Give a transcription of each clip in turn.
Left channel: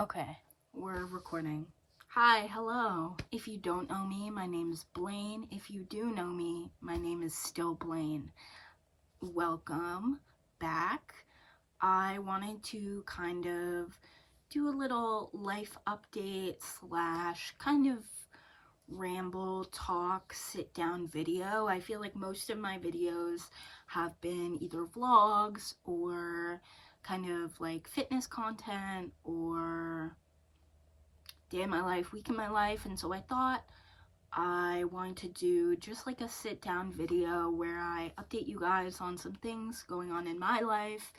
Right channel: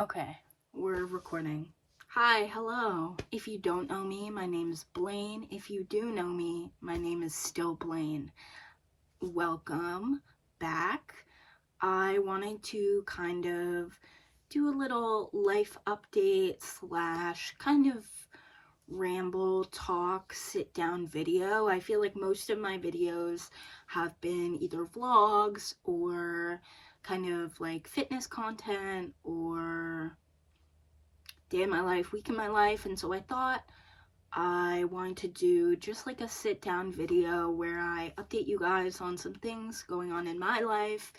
Okay, we're recording. Hi, hello. If you don't know me, my name is Blaine. If you do know me, my name is still Blaine. Welcome back. I wanted to kind of do a little life update slash kind of ramble, talk, sit down video. I feel like most of my videos have been either vlogs or kind of like fitness content or day in my life, week in my life, and so I thought I wanted to do just like a sit down video where I update you guys on some things going on in my life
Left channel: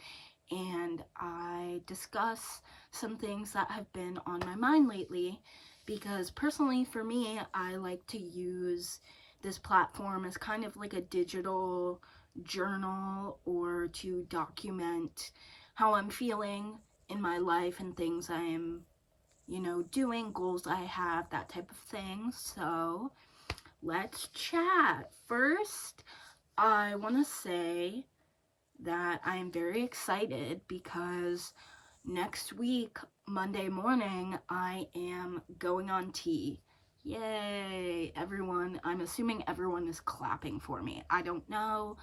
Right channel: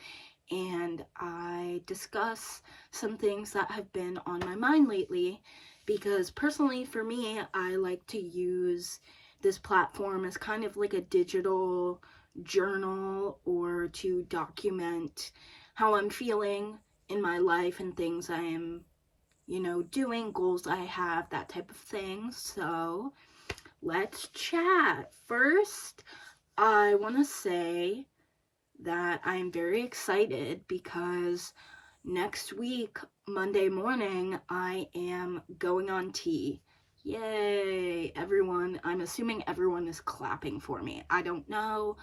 and I discuss some things that have been on my mind lately, because personally for me, I like to use this platform as kind of like a digital journal or to document how I'm feeling in my life and things I am doing, goals I have, that type of thing. So let's chat. First, I want to say that I am very excited because next week, Monday morning, I am going on T. Yay, everyone. I'm assuming everyone is clapping for me. I don't know.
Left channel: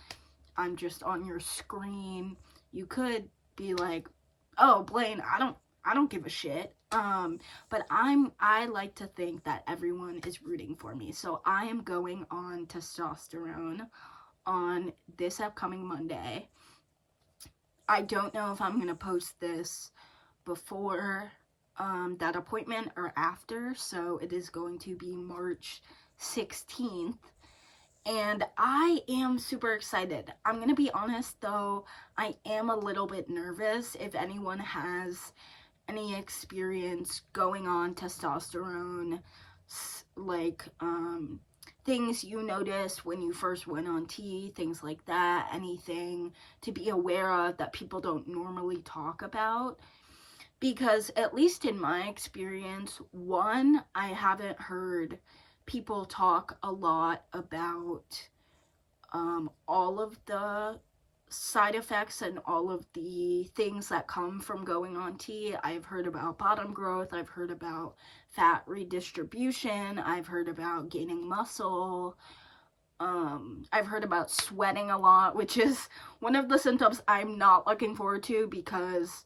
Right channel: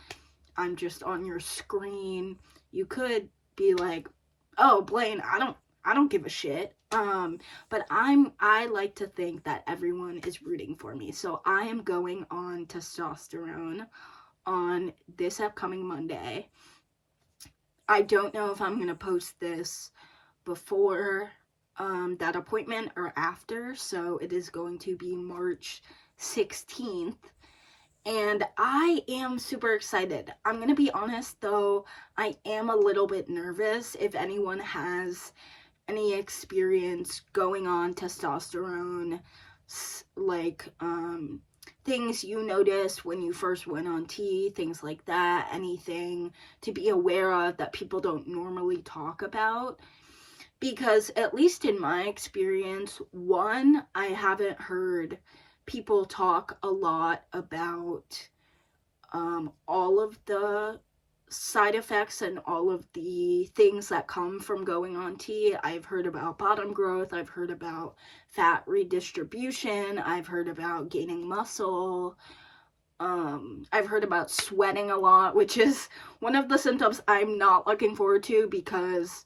I'm just on your screen. You could be like, "Oh, Blaine, I don't give a shit." But I like to think that everyone is rooting for me. So I am going on testosterone on this upcoming Monday. I don't know if I'm going to post this before that appointment or after, so it is going to be March 16th. And I am super excited. I'm going to be honest though, I am a little bit nervous. If anyone has any experience going on testosterone, like things you noticed when you first went on T, things like that, anything to be aware of that people don't normally talk about. Because at least in my experience, one, I haven't heard people talk a lot about all of the side effects and all of the things that come from going on T. I've heard about bottom growth, I've heard about fat redistribution, I've heard about gaining muscle, I've heard about sweating a lot, which is one of the symptoms I'm not looking forward to because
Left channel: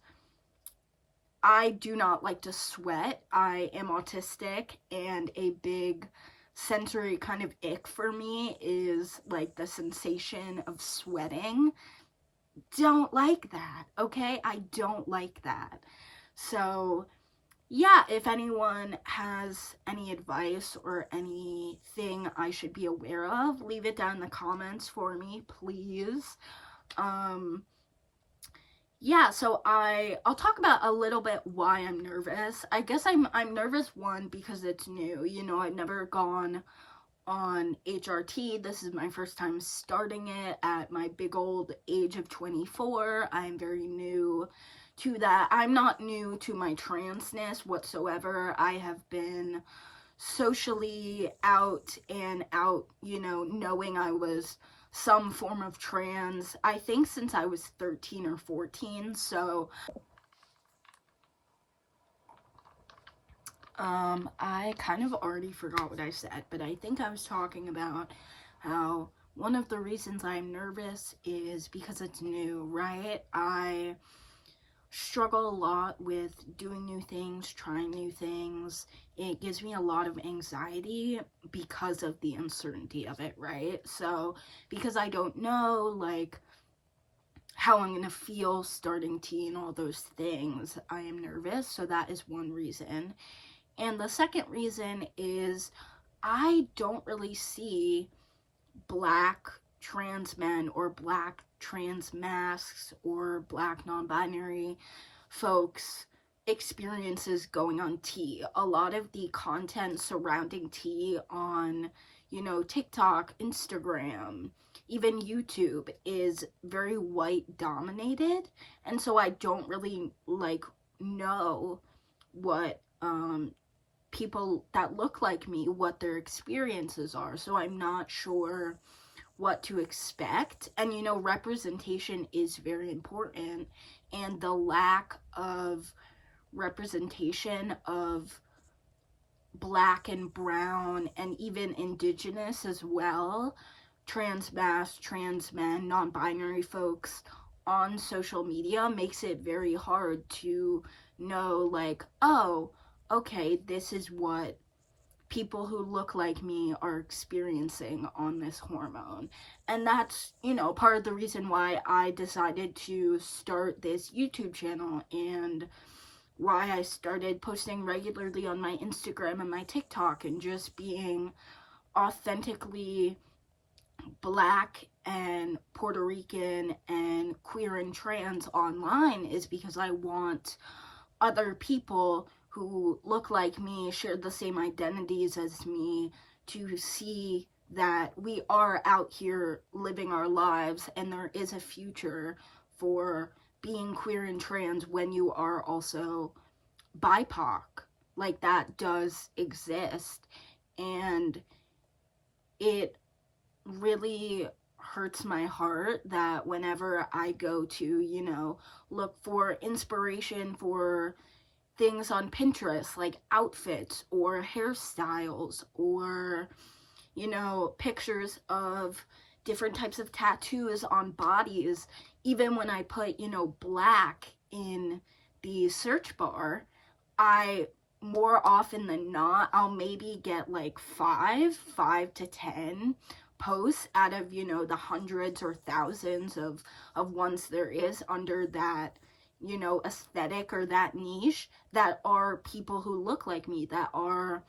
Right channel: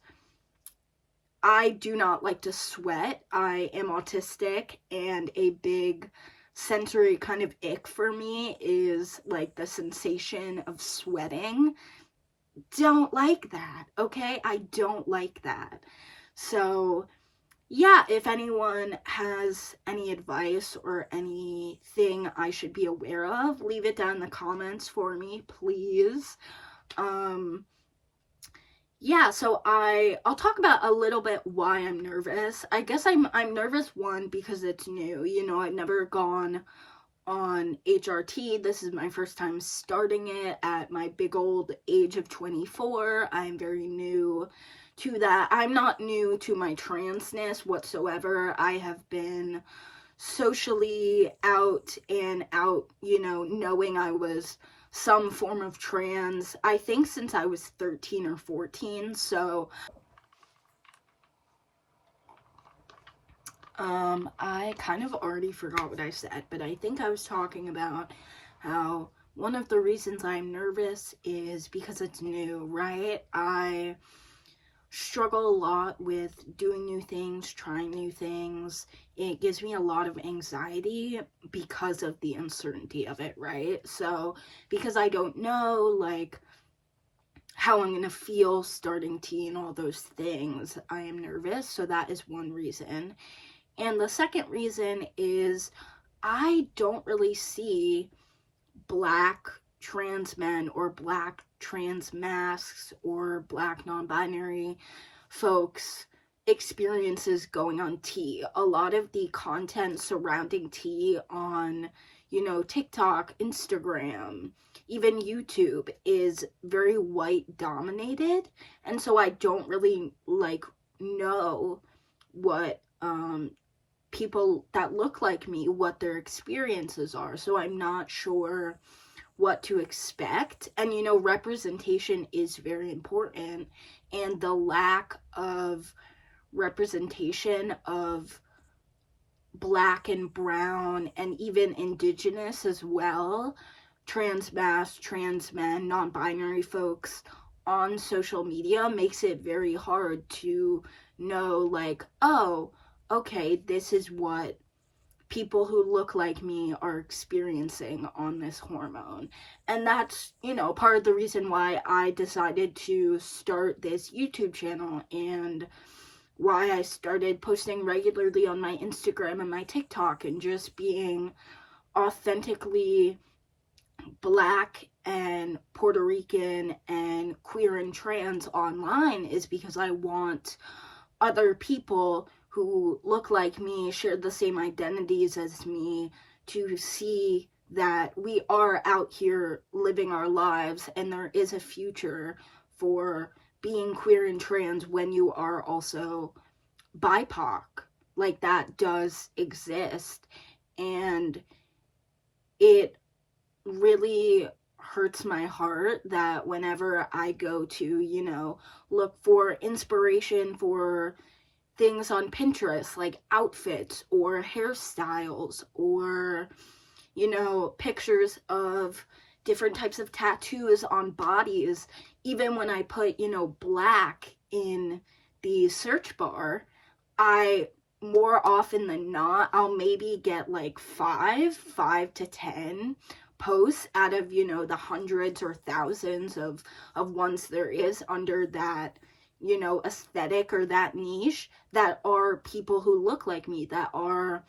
I do not like to sweat. I am autistic, and a big sensory kind of ick for me is like the sensation of sweating. Don't like that, okay? I don't like that. So, yeah, if anyone has any advice or anything I should be aware of, leave it down in the comments for me, please. Yeah, so I'll talk about a little bit why I'm nervous. I guess I'm nervous, one, because it's new. I've never gone on HRT. This is my first time starting it at my big old age of 24. I'm very new to that. I'm not new to my transness whatsoever. I have been socially out and out, knowing I was some form of trans, I think since I was 13 or 14. So I kind of already forgot what I said, but I think I was talking about how one of the reasons I'm nervous is because it's new, right? I struggle a lot with doing new things, trying new things. It gives me a lot of anxiety because of the uncertainty of it, right? So, because I don't know, like, how I'm gonna feel starting T and all those things, I am nervous. So, that is one reason. And the second reason is I don't really see black trans men or black trans masks or black non-binary folks experiences going on T. A lot of the content surrounding T on, TikTok, Instagram, even YouTube is very white dominated. And so I don't really know what people that look like me, what their experiences are. So I'm not sure what to expect. And representation is very important, and the lack of representation of Black and brown and even indigenous as well, trans mass, trans men, non-binary folks on social media makes it very hard to know, like, oh, okay, this is what people who look like me are experiencing on this hormone. And that's, part of the reason why I decided to start this YouTube channel and why I started posting regularly on my Instagram and my TikTok and just being authentically Black and Puerto Rican and queer and trans online, is because I want other people who look like me, share the same identities as me, to see that we are out here living our lives and there is a future for being queer and trans when you are also BIPOC. Like, that does exist, and it really hurts my heart that whenever I go to, look for inspiration for things on Pinterest, like outfits or hairstyles or, pictures of different types of tattoos on bodies, even when I put, Black in the search bar, I, more often than not, I'll maybe get like 5 to 10 posts out of, the hundreds or thousands of ones there is under that, aesthetic or that niche, that are people who look like me, that are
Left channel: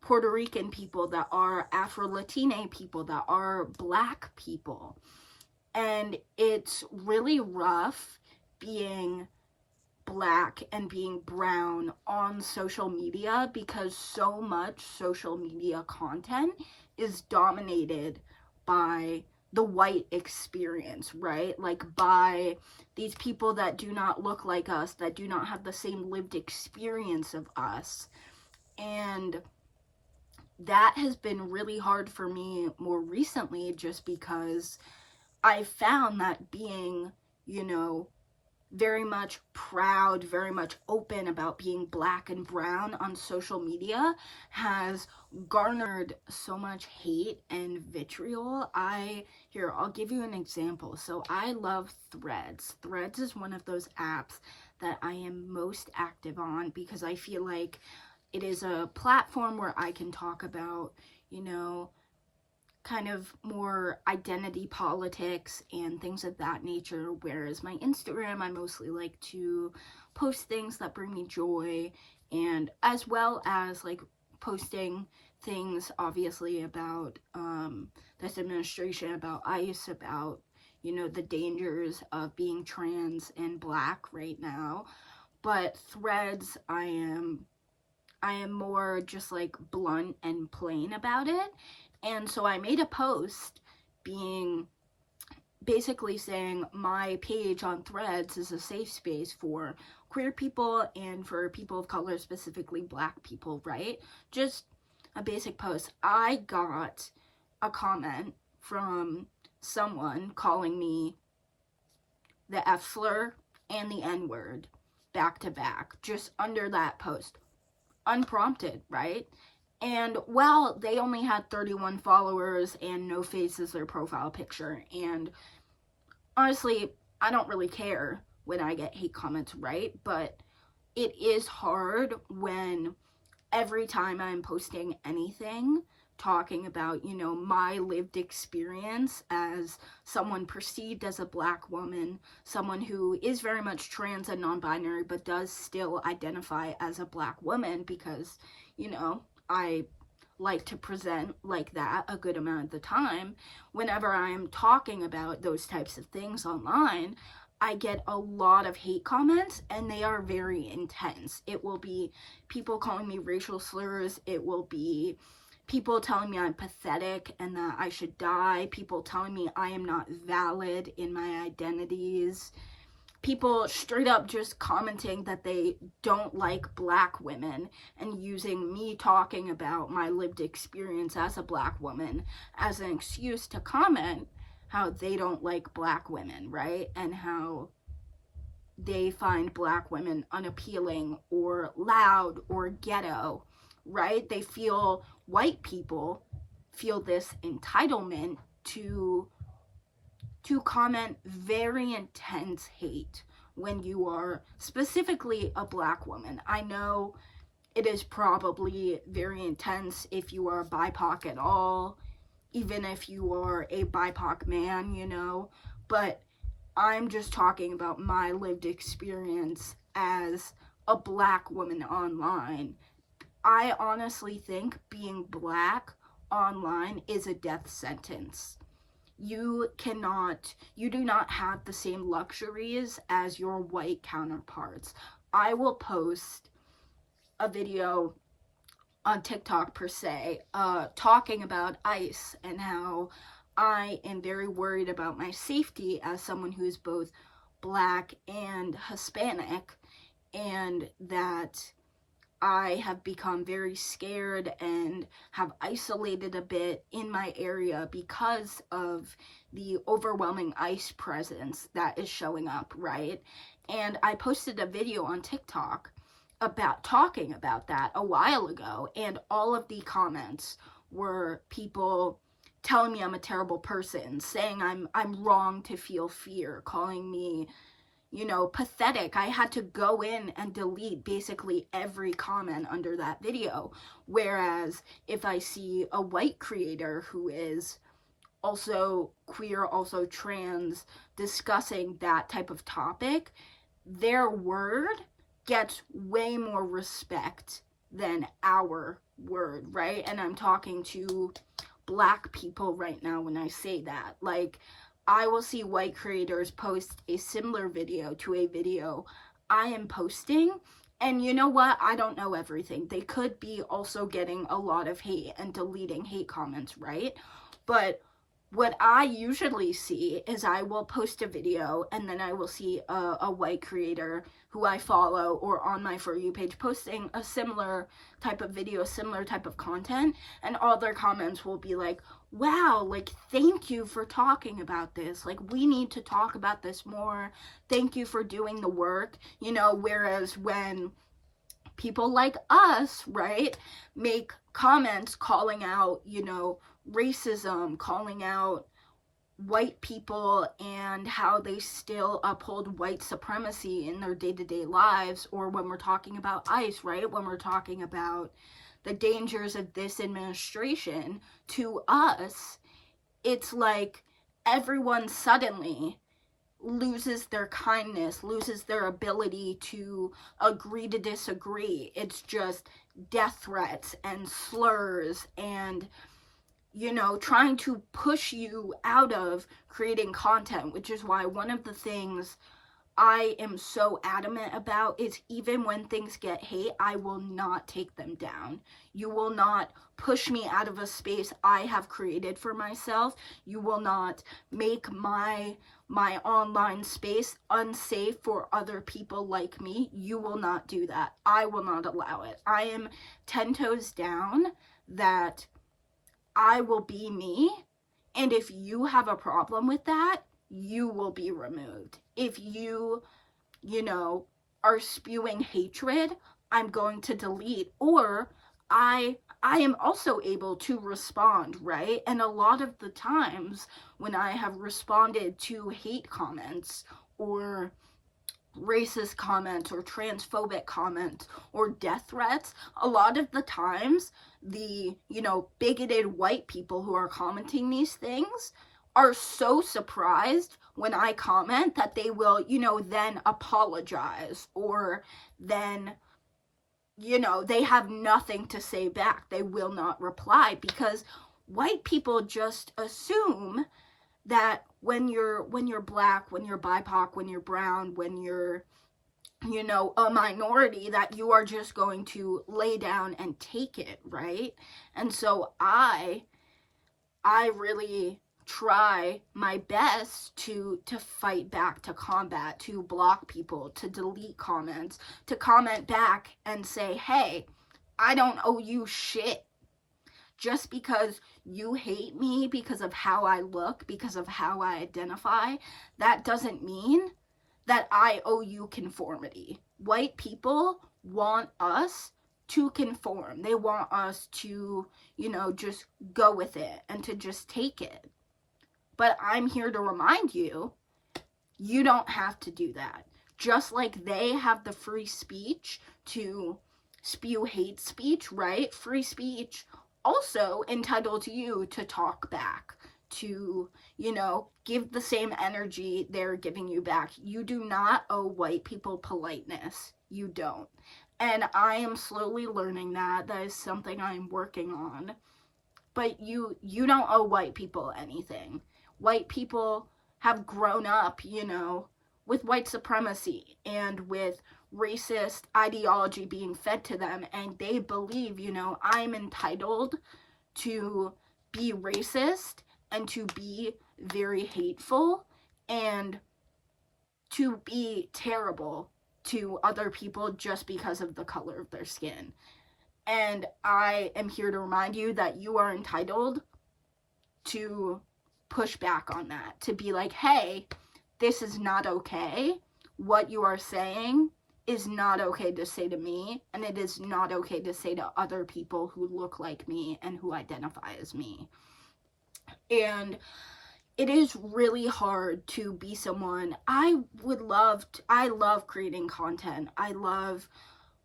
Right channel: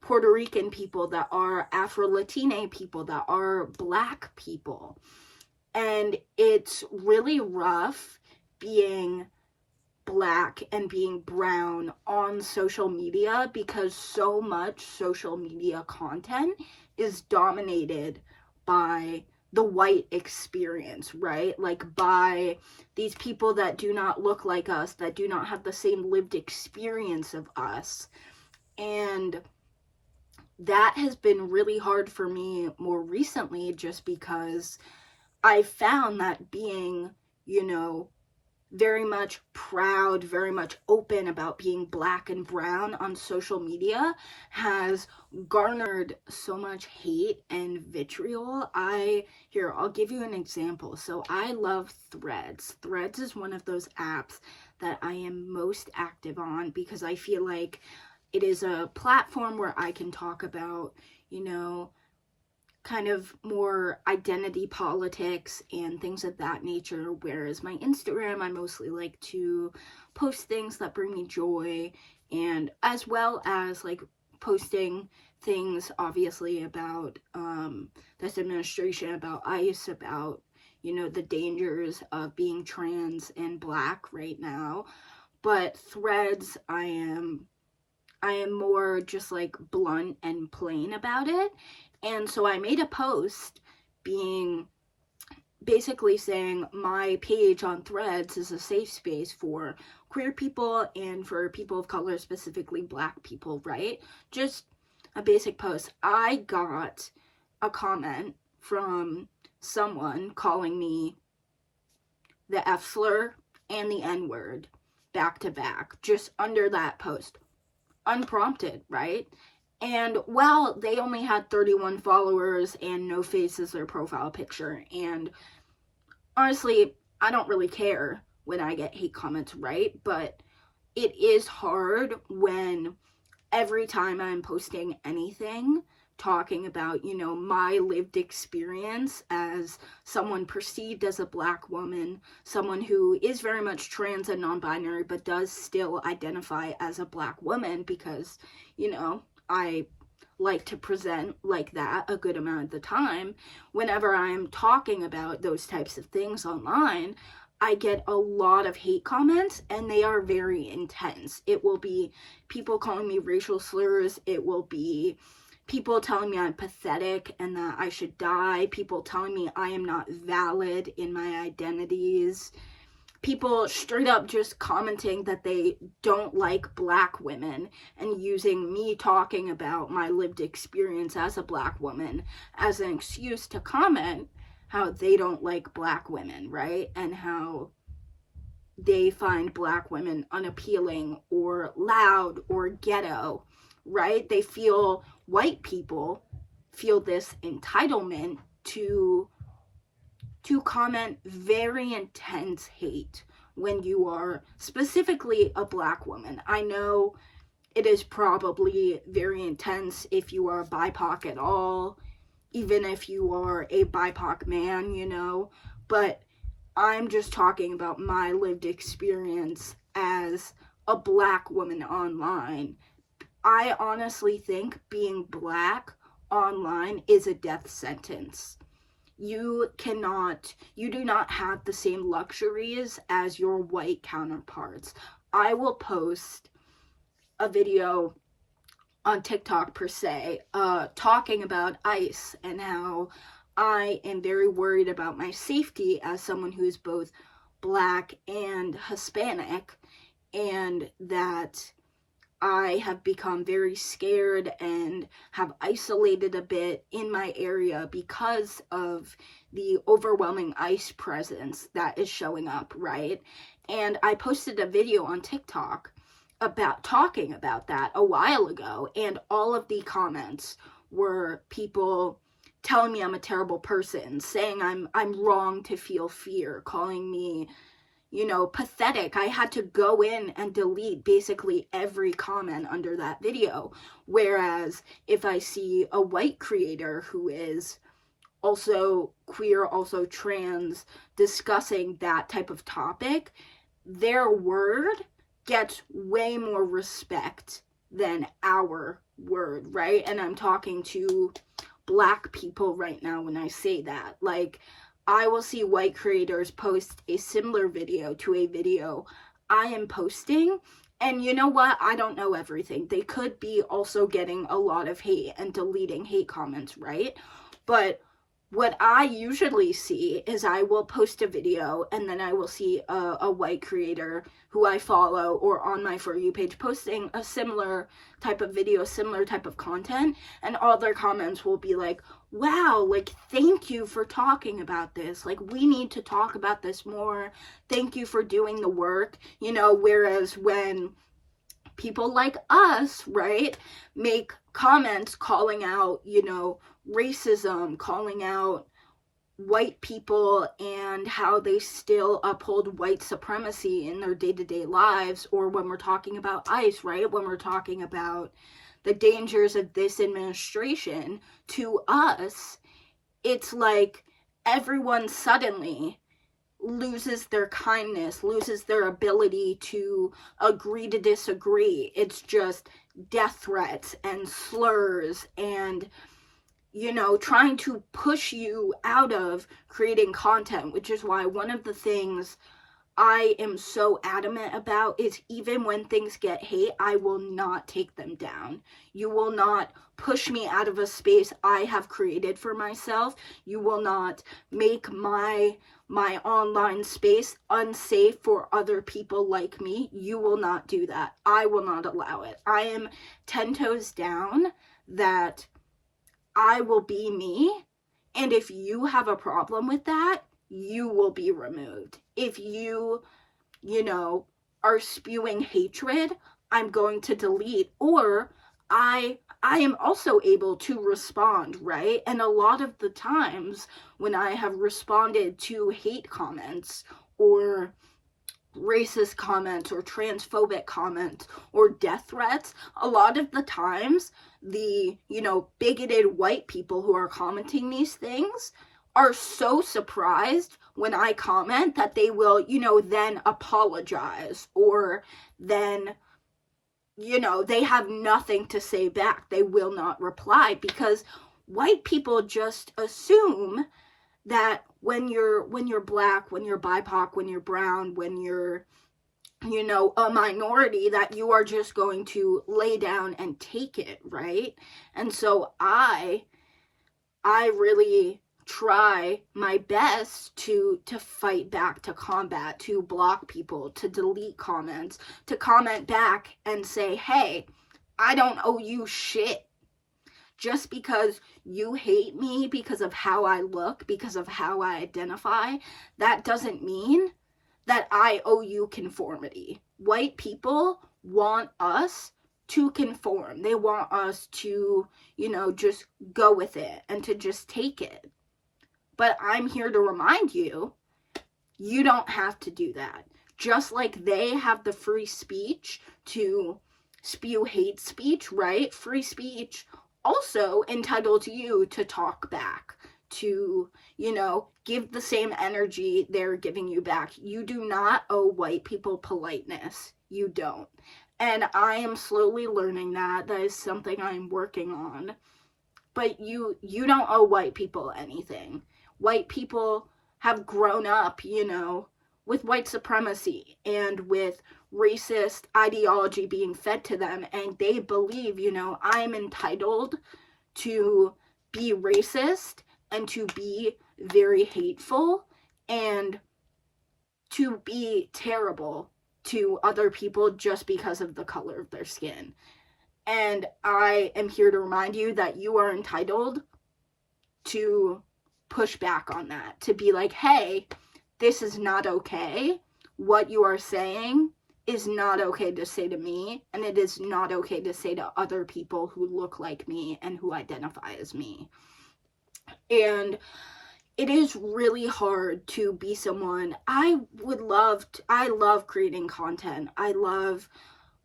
Puerto Rican people, that are Afro-Latine people, that are Black people. And it's really rough being Black and being brown on social media, because so much social media content is dominated by the white experience, right? Like, by these people that do not look like us, that do not have the same lived experience of us. And that has been really hard for me more recently, just because I found that being, very much proud, very much open about being Black and brown on social media has garnered so much hate and vitriol. I'll give you an example. So I love Threads. Threads is one of those apps that I am most active on, because I feel like it is a platform where I can talk about, kind of more identity politics and things of that nature, whereas my Instagram, I mostly like to post things that bring me joy, and as well as like posting things obviously about this administration, about ICE, about the dangers of being trans and Black right now. But Threads, I am more just like blunt and plain about it. And so I made a post basically saying my page on Threads is a safe space for queer people and for people of color, specifically Black people, right? Just a basic post. I got a comment from someone calling me the F slur and the N word back to back, just under that post, unprompted, right? And, well, they only had 31 followers and no face as their profile picture. And honestly, I don't really care when I get hate comments, right? But it is hard when every time I'm posting anything talking about, my lived experience as someone perceived as a Black woman, someone who is very much trans and non-binary, but does still identify as a Black woman, because, I like to present like that a good amount of the time. Whenever I'm talking about those types of things online, I get a lot of hate comments, and they are very intense. It will be people calling me racial slurs. It will be people telling me I'm pathetic and that I should die. People telling me I am not valid in my identities. People straight up just commenting that they don't like Black women and using me talking about my lived experience as a Black woman as an excuse to comment how they don't like Black women, right? And how they find black women unappealing or loud or ghetto, right? They feel, white people feel this entitlement to comment very intense hate when you are specifically a black woman. I know it is probably very intense if you are BIPOC at all, even if you are a BIPOC man, you know, but I'm just talking about my lived experience as a black woman online. I honestly think being black online is a death sentence. You do not have the same luxuries as your white counterparts. I will post a video on TikTok per se, talking about ICE and how I am very worried about my safety as someone who is both black and Hispanic, and that I have become very scared and have isolated a bit in my area because of the overwhelming ICE presence that is showing up, right? And I posted a video on TikTok about talking about that a while ago, and all of the comments were people telling me I'm a terrible person, saying I'm wrong to feel fear, calling me, you know, pathetic. I had to go in and delete basically every comment under that video. Whereas if I see a white creator who is also queer, also trans, discussing that type of topic, their word gets way more respect than our word, right? And I'm talking to black people right now when I say that. Like, I will see white creators post a similar video to a video I am posting, and you know what? I don't know everything. They could be also getting a lot of hate and deleting hate comments, right? But what I usually see is I will post a video and then I will see a white creator who I follow or on my For You page posting a similar type of video, similar type of content, and all their comments will be like, wow, like, thank you for talking about this. Like, we need to talk about this more. Thank you for doing the work, you know, whereas when people like us, right, make comments calling out, you know, racism, calling out white people and how they still uphold white supremacy in their day-to-day lives, or when we're talking about ICE, right, when we're talking about the dangers of this administration, to us, it's like everyone suddenly loses their kindness, loses their ability to agree to disagree. It's just death threats and slurs and, you know, trying to push you out of creating content, which is why one of the things I am so adamant about is even when things get hate, I will not take them down. You will not push me out of a space I have created for myself. You will not make my online space unsafe for other people like me. You will not do that. I will not allow it. I am 10 toes down that I will be me, and if you have a problem with that, you will be removed. If you know, are spewing hatred, I'm going to delete, or I am also able to respond, right? And a lot of the times when I have responded to hate comments or racist comments or transphobic comments or death threats, a lot of the times the, you know, bigoted white people who are commenting these things are so surprised when I comment that they will, you know, then apologize, or then, you know, they have nothing to say back. They will not reply, because white people just assume that when you're black, when you're BIPOC, when you're brown, when you're, you know, a minority, that you are just going to lay down and take it, right? And so I really try my best to fight back, to combat, to block people, to delete comments, to comment back and say, hey, I don't owe you shit. Just because you hate me because of how I look, because of how I identify, that doesn't mean that I owe you conformity. White people want us to conform. They want us to, just go with it and to just take it. But I'm here to remind you, you don't have to do that. Just like they have the free speech to spew hate speech, right? Free speech also entitled to you to talk back, to, give the same energy they're giving you back. You do not owe white people politeness. You don't. And I am slowly learning that. That is something I'm working on. But you don't owe white people anything. White people have grown up, with white supremacy and with racist ideology being fed to them, and they believe, I'm entitled to be racist and to be very hateful and to be terrible to other people just because of the color of their skin. And I am here to remind you that you are entitled to push back on that, to be like, hey, this is not okay. What you are saying is not okay to say to me, and it is not okay to say to other people who look like me and who identify as me. And it is really hard to be someone. I love creating content. I love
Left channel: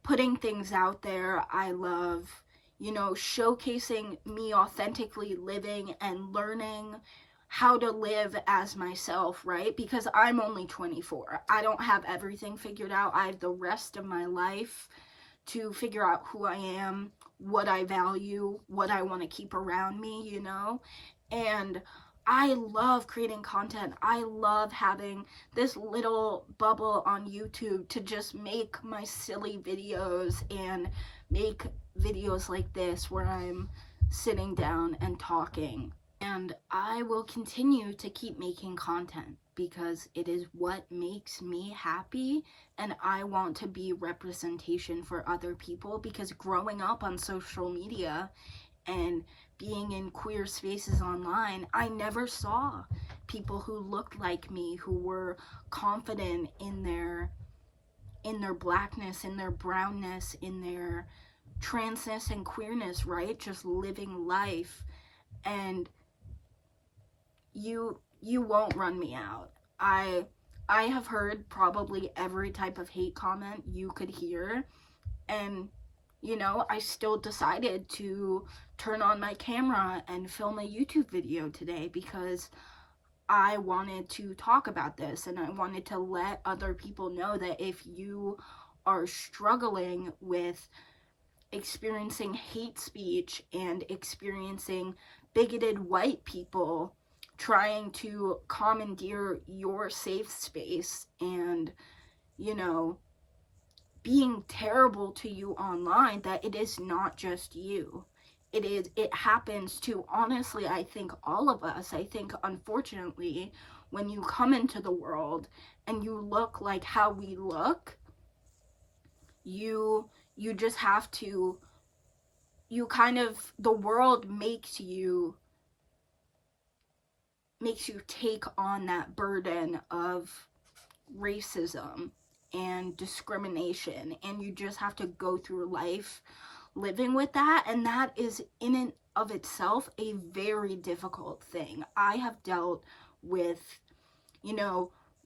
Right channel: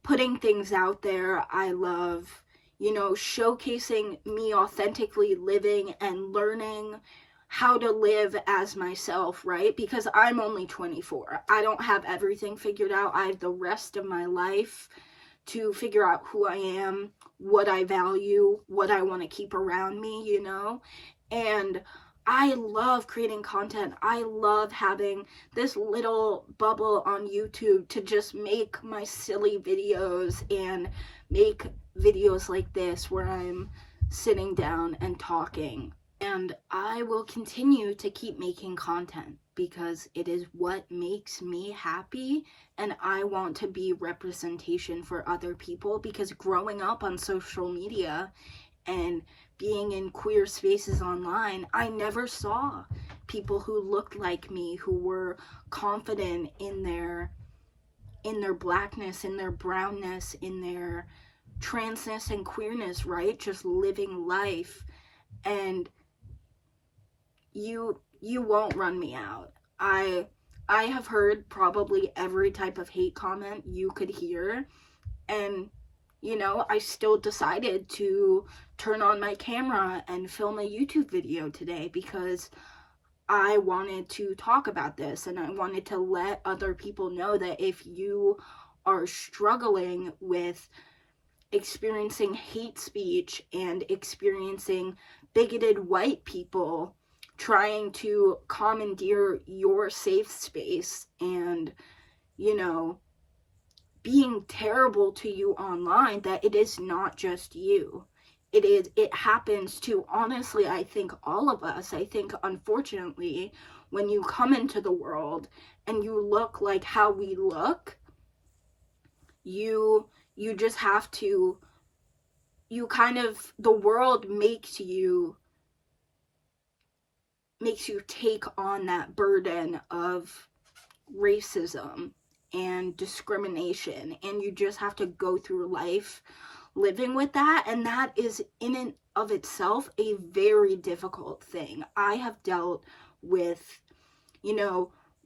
putting things out there. I love, showcasing me authentically living and learning how to live as myself, right? Because I'm only 24. I don't have everything figured out. I have the rest of my life to figure out who I am, what I value, what I want to keep around me, And I love creating content. I love having this little bubble on YouTube to just make my silly videos and make videos like this where I'm sitting down and talking. And I will continue to keep making content because it is what makes me happy, and I want to be representation for other people, because growing up on social media and being in queer spaces online, I never saw people who looked like me, who were confident in their blackness, in their brownness, in their transness and queerness, right? Just living life. And you won't run me out. I have heard probably every type of hate comment you could hear, and I still decided to turn on my camera and film a YouTube video today because I wanted to talk about this, and I wanted to let other people know that if you are struggling with experiencing hate speech and experiencing bigoted white people trying to commandeer your safe space and, being terrible to you online, that it is not just you. It happens to, honestly, I think all of us. I think, unfortunately, when you come into the world and you look like how we look, you just have to, the world makes you take on that burden of racism and discrimination, and you just have to go through life living with that, and that is in and of itself a very difficult thing. I have dealt with,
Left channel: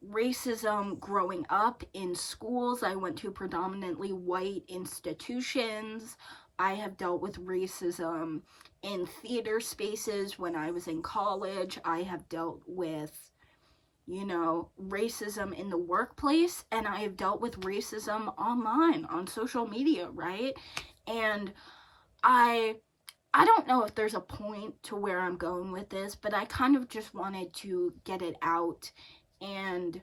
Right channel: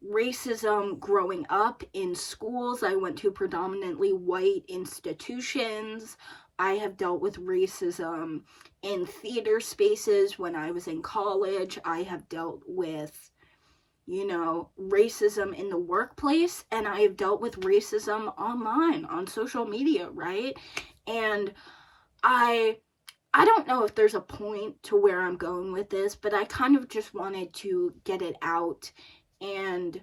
racism growing up in schools. I went to predominantly white institutions. I have dealt with racism in theater spaces when I was in college. I have dealt with, racism in the workplace, and I have dealt with racism online on social media, right? And I don't know if there's a point to where I'm going with this, but I kind of just wanted to get it out in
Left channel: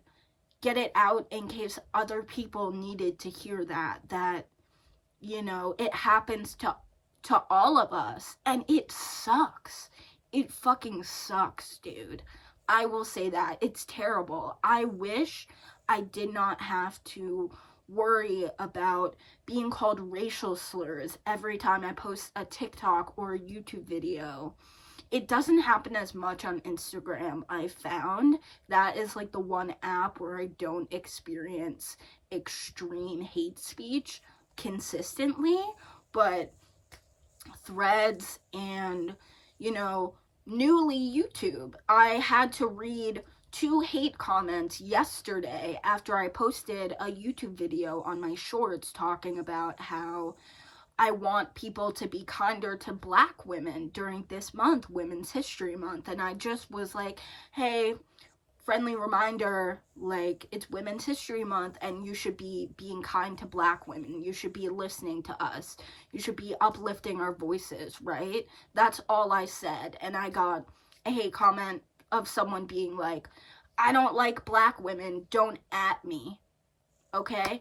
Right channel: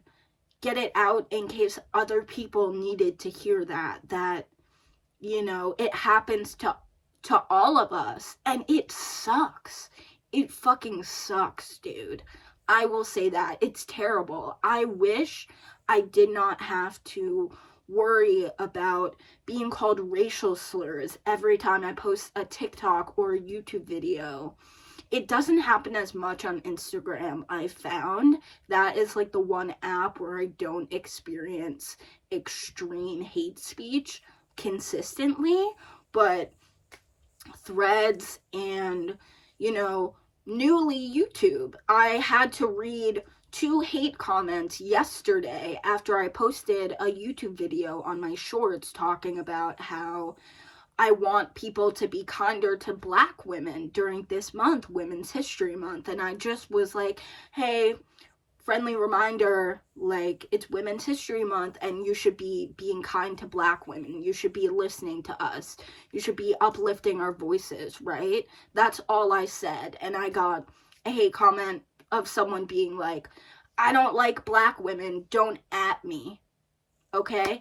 case other people needed to hear that, it happens to all of us, and it sucks. It fucking sucks, dude. I will say that. It's terrible. I wish I did not have to worry about being called racial slurs every time I post a TikTok or a YouTube video. it doesn't happen as much on Instagram. I found that is like the one app where I don't experience extreme hate speech consistently, but Threads and, you know, newly YouTube. I had to read 2 hate comments yesterday after I posted a YouTube video on my shorts talking about how I want people to be kinder to Black women during this month, Women's History Month. And I just was like, hey, friendly reminder, like, it's Women's History Month and you should be being kind to Black women. You should be listening to us. You should be uplifting our voices, right? That's all I said. And I got a hate comment of someone being like, I don't like Black women, don't at me. Okay?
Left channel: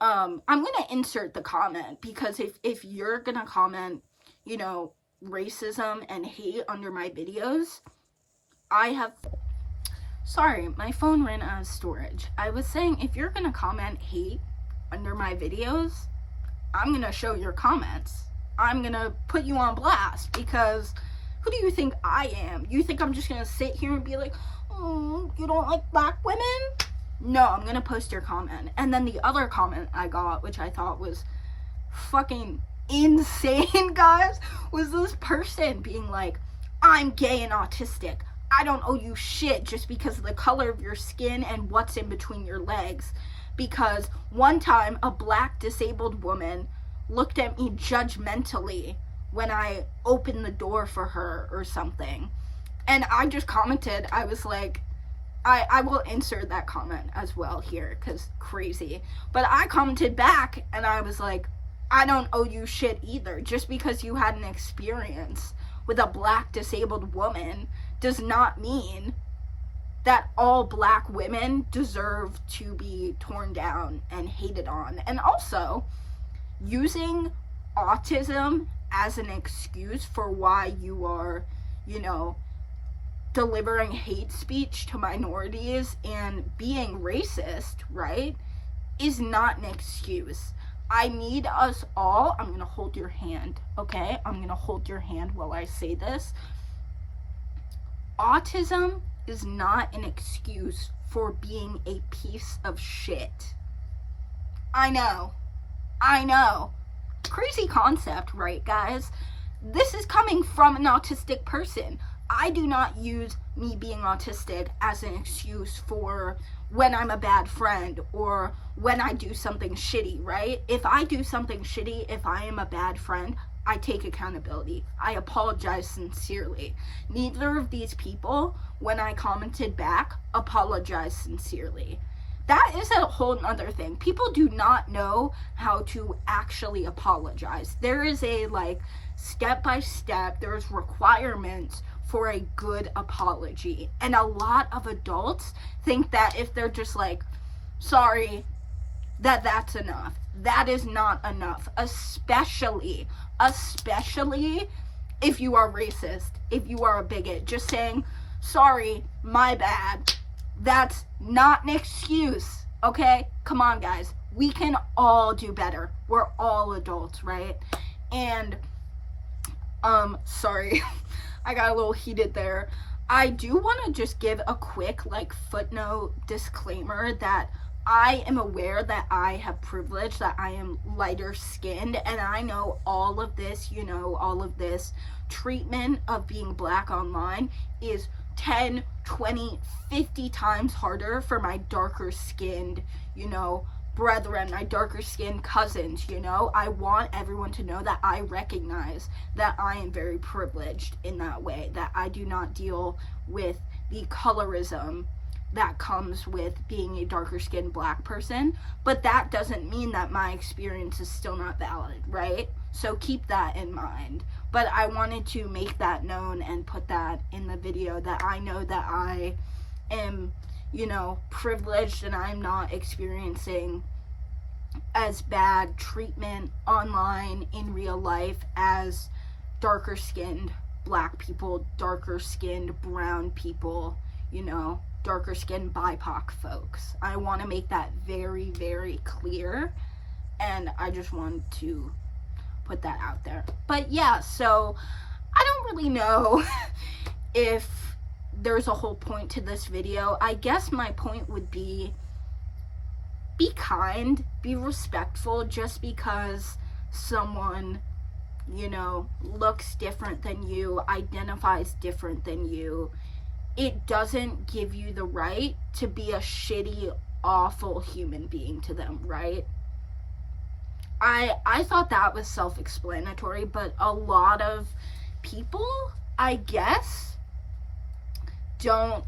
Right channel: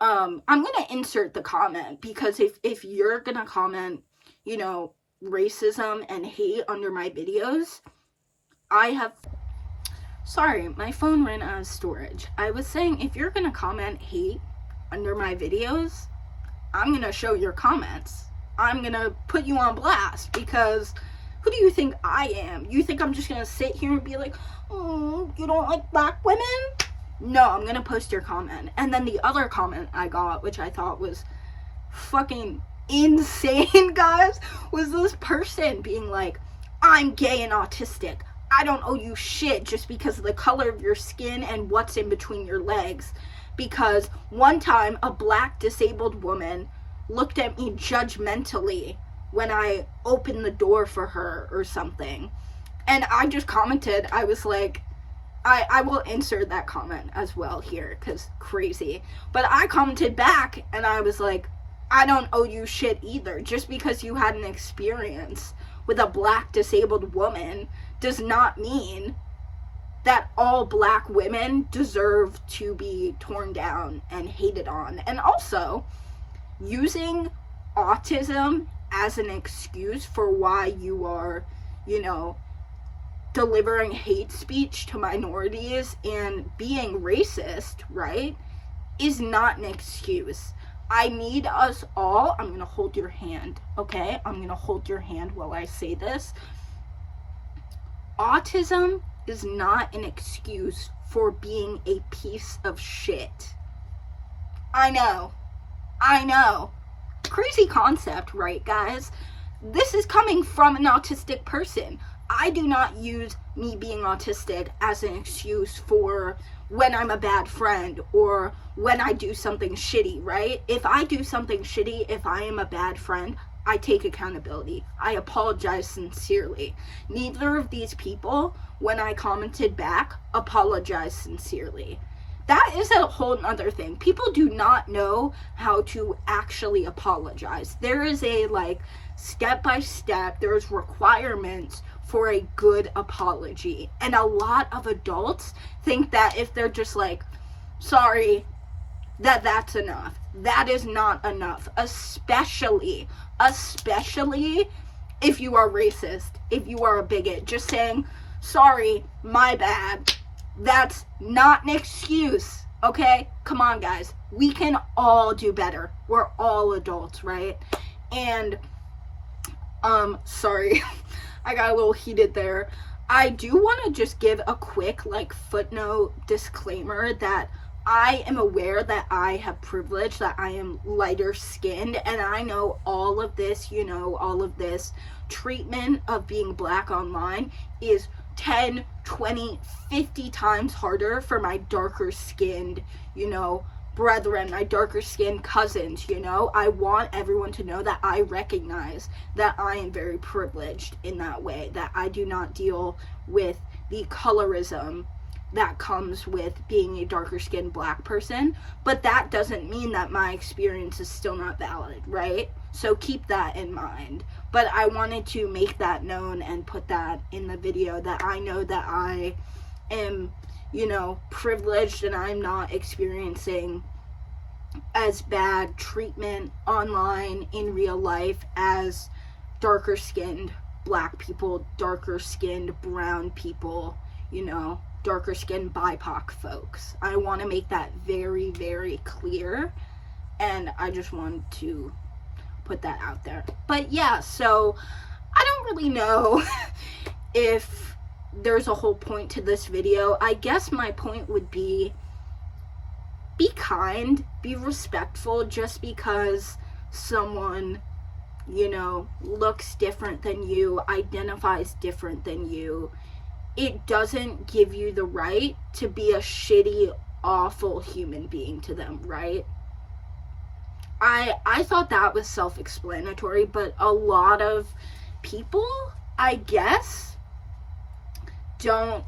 I'm gonna insert the comment, because if you're gonna comment, you know, racism and hate under my videos, sorry, my phone ran out of storage. I was saying, if you're gonna comment hate under my videos, I'm gonna show your comments. I'm gonna put you on blast, because who do you think I am? You think I'm just gonna sit here and be like, oh, you don't like Black women? No, I'm gonna post your comment. And then the other comment I got, which I thought was fucking insane, guys, was this person being like, I'm gay and autistic. I don't owe you shit just because of the color of your skin and what's in between your legs. Because one time a Black disabled woman looked at me judgmentally when I opened the door for her or something. And I just commented, I was like, I will insert that comment as well here, because crazy. But I commented back and I was like, I don't owe you shit either. Just because you had an experience with a Black disabled woman does not mean that all Black women deserve to be torn down and hated on. And also, using autism as an excuse for why you are, you know, delivering hate speech to minorities and being racist, right, is not an excuse. I need us all, I'm going to hold your hand, okay? I'm going to hold your hand while I say this. Autism is not an excuse for being a piece of shit. I know. Crazy concept, right, guys? This is coming from an autistic person. I do not use me being autistic as an excuse for when I'm a bad friend or when I do something shitty, right? If I do something shitty, if I am a bad friend, I take accountability. I apologize sincerely. Neither of these people, when I commented back, apologized sincerely. That is a whole other thing. People do not know how to actually apologize. There is a, like, step-by-step, there's requirements for a good apology. And a lot of adults think that if they're just like, sorry, that's enough. That is not enough. Especially if you are racist, if you are a bigot. Just saying, sorry, my bad. That's not an excuse, okay? Come on, guys. We can all do better. We're all adults, right? And, sorry. I got a little heated there. I do want to just give a quick, like, footnote disclaimer that I am aware that I have privilege, that I am lighter skinned, and I know all of this, you know, all of this treatment of being Black online is 10, 20, 50 times harder for my darker skinned, you know, brethren, my darker skinned cousins, you know. I want everyone to know that I recognize that I am very privileged in that way, that I do not deal with the colorism that comes with being a darker skinned Black person, but that doesn't mean that my experience is still not valid, right? So keep that in mind. But I wanted to make that known and put that in the video, that I know that I am, you know, privileged and I'm not experiencing as bad treatment online in real life as darker skinned Black people, darker skinned brown people, you know, darker skinned BIPOC folks. I want to make that very, very clear, and I just wanted to put that out there. But yeah, so I don't really know if there's a whole point to this video. I guess my point would be kind, be respectful. Just because someone, looks different than you, identifies different than you, it doesn't give you the right to be a shitty, awful human being to them, right? I thought that was self-explanatory, but a lot of people, I guess, don't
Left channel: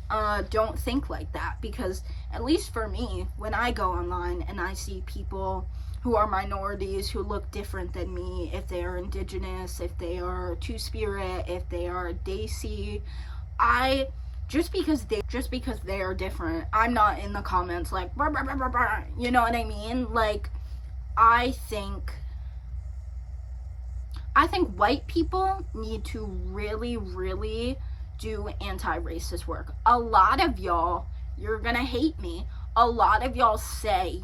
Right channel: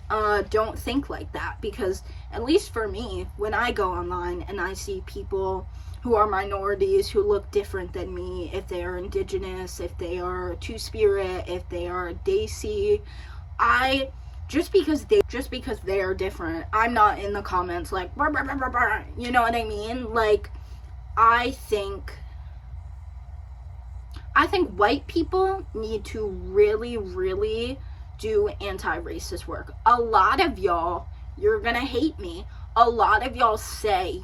think like that, because at least for me, when I go online and I see people who are minorities who look different than me, if they are indigenous, if they are two-spirit, if they are Desi, just because they are different, I'm not in the comments like, brr, brr, brr, brr, you know what I mean? Like, I think white people need to really, really do anti-racist work. A lot of y'all, you're gonna hate me. A lot of y'all say,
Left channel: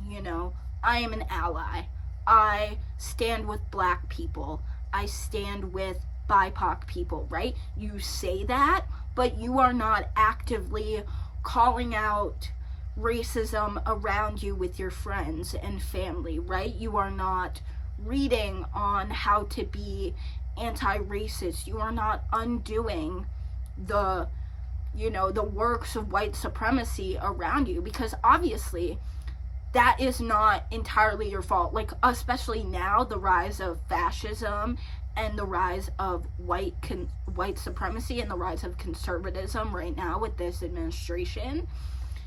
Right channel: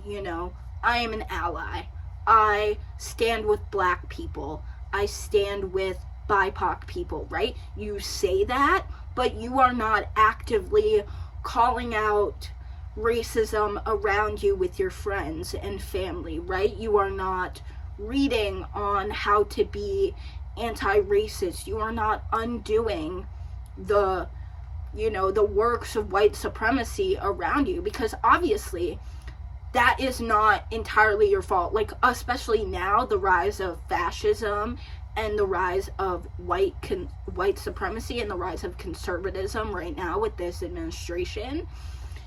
I am an ally. I stand with black people. I stand with BIPOC people, right? You say that, but you are not actively calling out racism around you with your friends and family, right? You are not reading on how to be anti-racist. You are not undoing the works of white supremacy around you, because obviously that is not entirely your fault. Like, especially now, the rise of fascism and the rise of white supremacy and the rise of conservatism right now with this administration,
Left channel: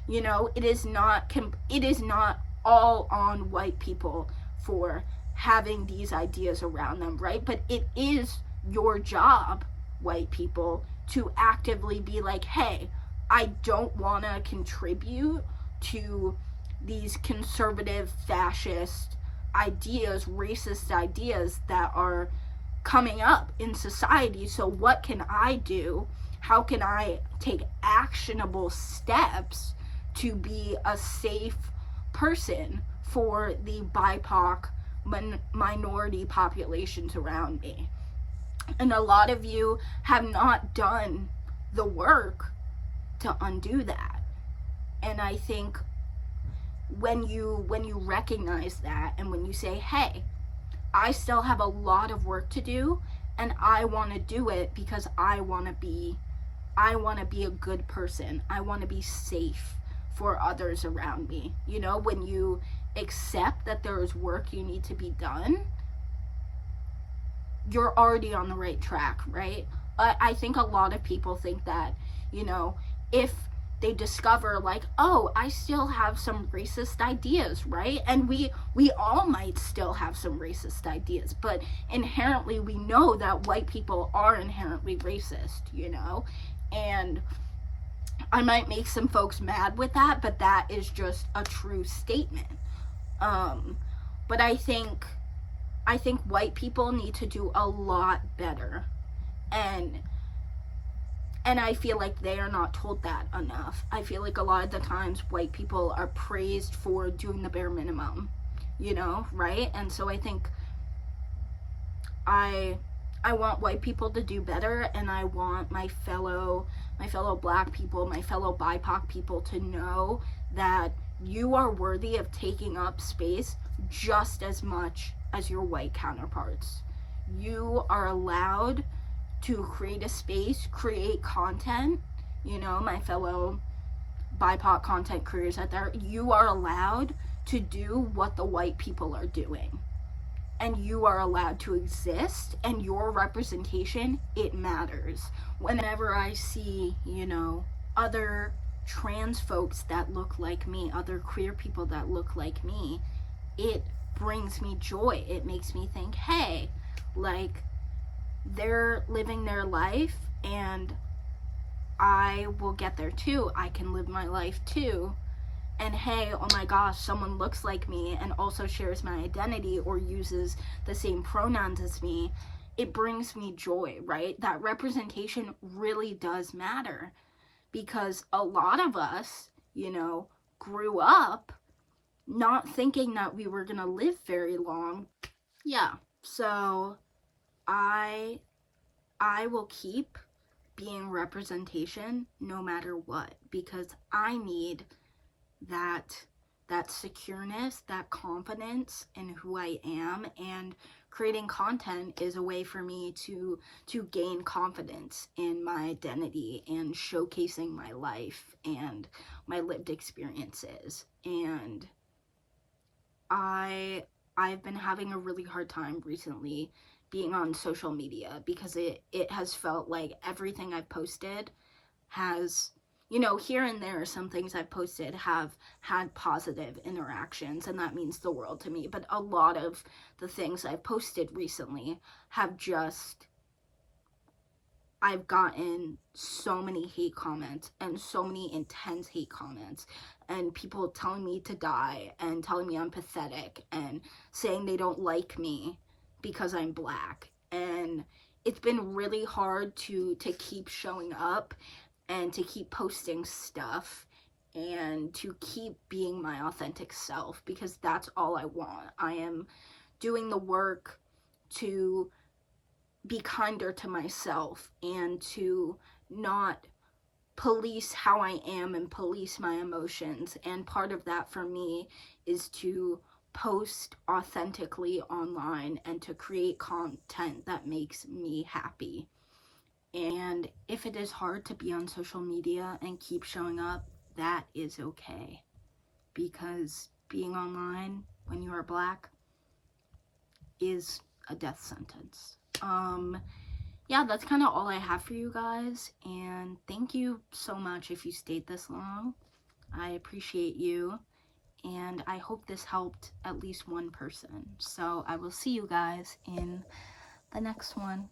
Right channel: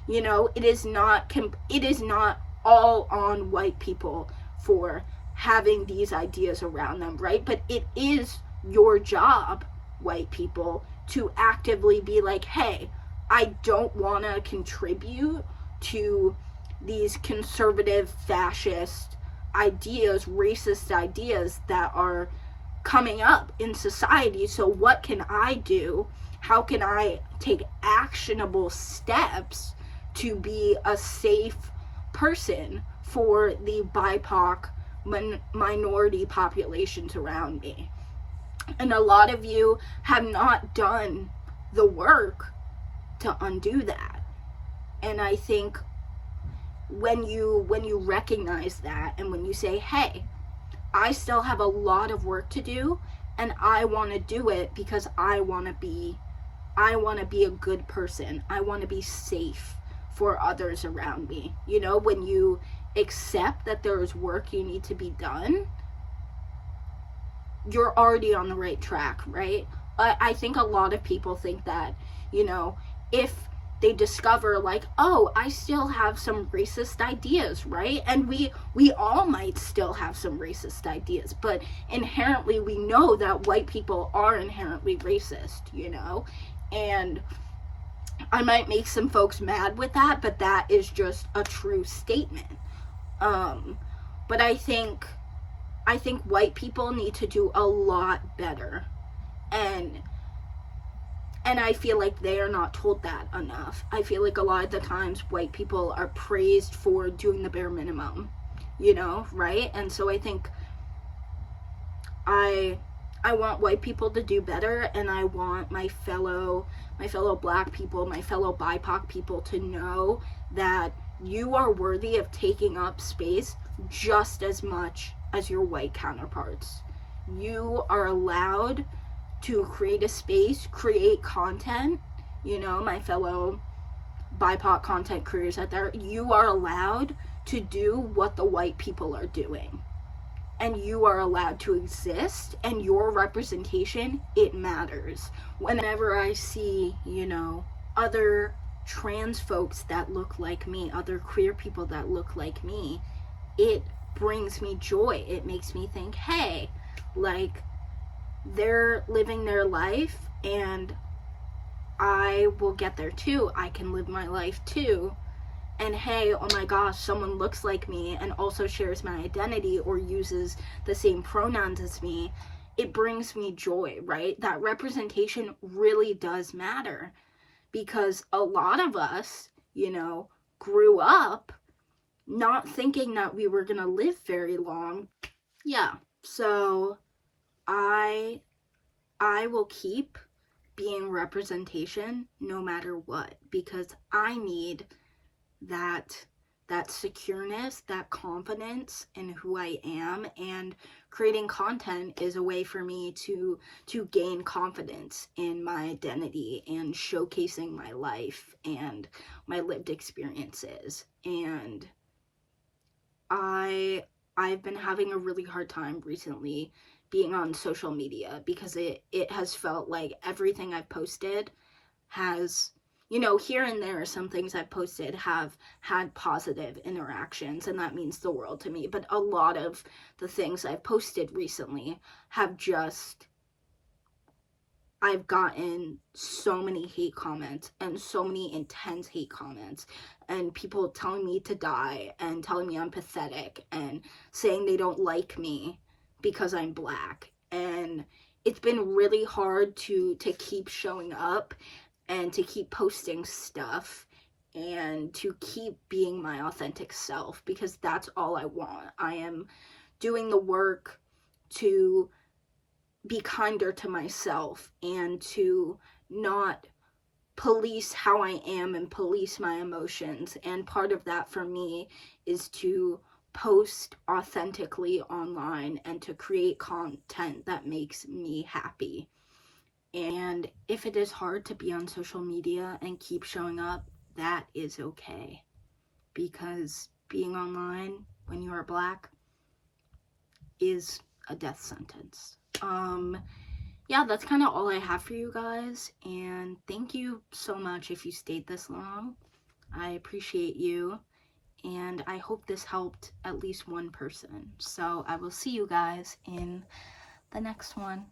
it is not all on white people for having these ideas around them, right? But it is your job, white people, to actively be like, hey, I don't want to contribute to these conservative, fascist ideas, racist ideas that are coming up in society. So what can I do? How can I take actionable steps to be a safe person for the BIPOC minority populations around me? And a lot of you have not done the work to undo that. And I think when you recognize that, and when you say, hey, I still have a lot of work to do, and I want to do it because I want to be a good person. I want to be safe for others around me. When you accept that there is work you need to be done, you're already on the right track, right? I think a lot of people think that, if they discover, like, oh, I still have some racist ideas, right? And we all might still have some racist ideas, but inherently we know that white people are inherently racist, and I might make some folks mad with that, but that is just a true statement. But I think white people need to do a lot better, and I feel like they are not told that enough. I feel like a lot of the times white people are praised for doing the bare minimum, right? And so I think I want white people to do better, and I want my fellow black people, my fellow BIPOC people to know that you are worthy of taking up space just as much as your white counterparts. You are allowed to create a space, create content, my fellow BIPOC content creators out there, you are allowed to do what the white people are doing. And you are allowed to exist, and your representation, it matters. Whenever I see, other trans folks that look like me, other queer people that look like me, it brings me joy. It makes me think, hey, like, they're living their life, and I will get there too. I can live my life too. And hey, oh my gosh, someone looks like me and also shares my identity or uses the same pronouns as me. It brings me joy, right? That representation really does matter, because a lot of us, grew up not thinking that we were gonna live very long. Yeah, so I I will keep being representation no matter what, because I need that secureness, that confidence in who I am, and creating content is a way for me to gain confidence in my identity and showcasing my life and my lived experiences. And I've been having a really hard time recently being on social media, because it has felt like everything I've posted has, here and there, some things I've posted have had positive interactions, and that means the world to me. But a lot of the things I've posted recently have just, I've gotten so many hate comments, and so many intense hate comments, and people telling me to die, and telling me I'm pathetic, and saying they don't like me because I'm Black. And it's been really hard to keep showing up and to keep posting stuff and to keep being my authentic self, because that's all I want. I am doing the work to be kinder to myself and to not police how I am and police my emotions. And part of that for me is to post authentically online and to create content that makes me happy. And if it is hard to be on social media and keep showing up, that is okay. Because being online when you are Black is a death sentence. Yeah, that's kind of all I have for you guys. And thank you so much if you stayed this long. I appreciate you. And I hope this helped at least one person. So I will see you guys in the next one.